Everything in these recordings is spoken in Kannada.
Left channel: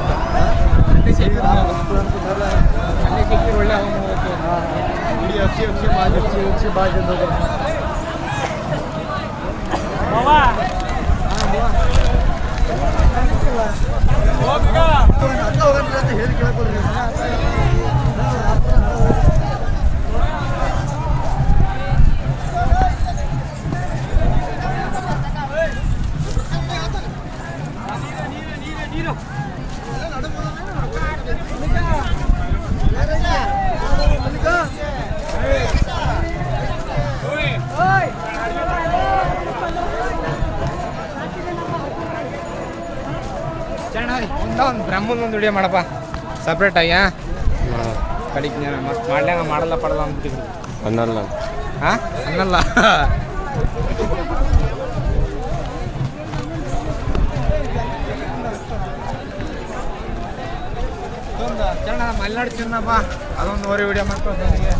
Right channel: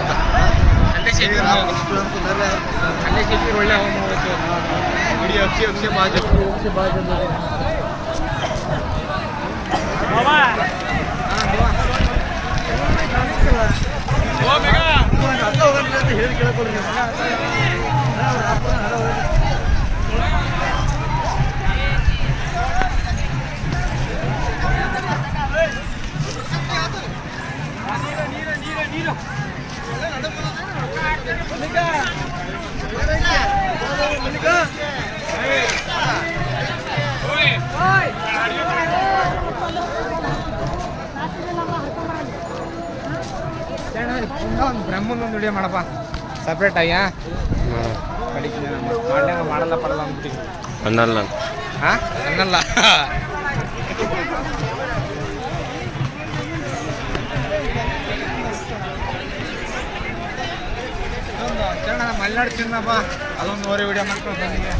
ಅಂತ ಅಲ್ಲಿ ಸಿಕ್ಕಿ ಒಳ್ಳೆ ಹವಾ ಮಾಡ್ಬೇಕು ಇಡೀ ಅಕ್ಷಿ ಬಾಜು ಒಂದು ಬ್ರಹ್ಮಂದೊಂದು ವಿಡಿಯೋ ಮಾಡಪ್ಪ ಸಪ್ರೇಟಾಗಿ ಕಡಿಕೆ ಮಾಡ್ಲಂಗ ಮಾಡಲ್ಲ ಪಡಲ್ಲ ಅಂತೀವಿ ಅನ್ನಲ್ಲ ಹಾಂ ಅನ್ನಲ್ಲ ಮಲೆನಾಡು ಚಿನ್ನಪ್ಪ ಅದೊಂದು ಓರಿ ವಿಡಿಯೋ ಮಾಡ್ಕೊಂಡು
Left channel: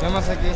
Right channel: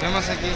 ಫೇಮಸ್ ಆಗಿ